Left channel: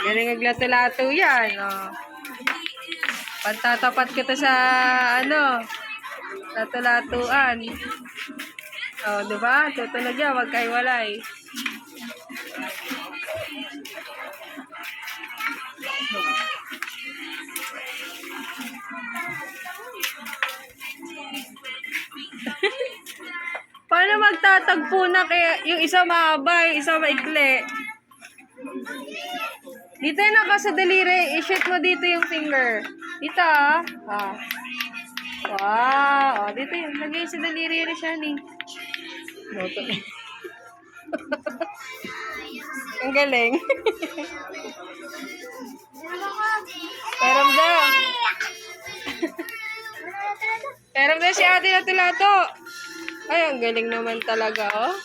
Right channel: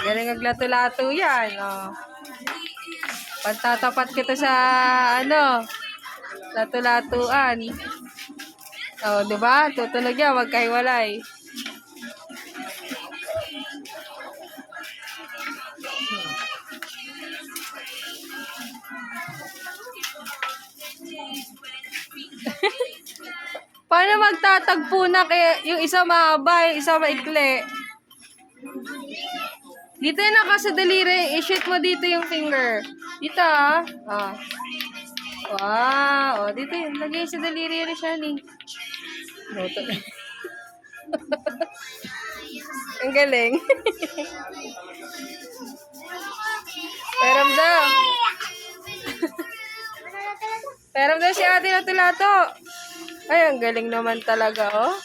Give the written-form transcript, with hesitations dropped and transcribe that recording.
Galing aglato-lato yan. Oh. Pantatapat kita sa, ano, lato-latuan. Oh, diba? Tutunog yan, magkahiwalay. Paano magtatagpo na yung isa mahaba, yung isa maikli? Dito yung naka sa daliri. I-shoot mo dito yung finger. Dito ah. Oh. Wow. Oh, dito yun. Lagay sa daliri na siya ni. Boto. Ang galing. Peramdam. Peramdam si ate na tulato. Ay, ang galing naman talaga, oh.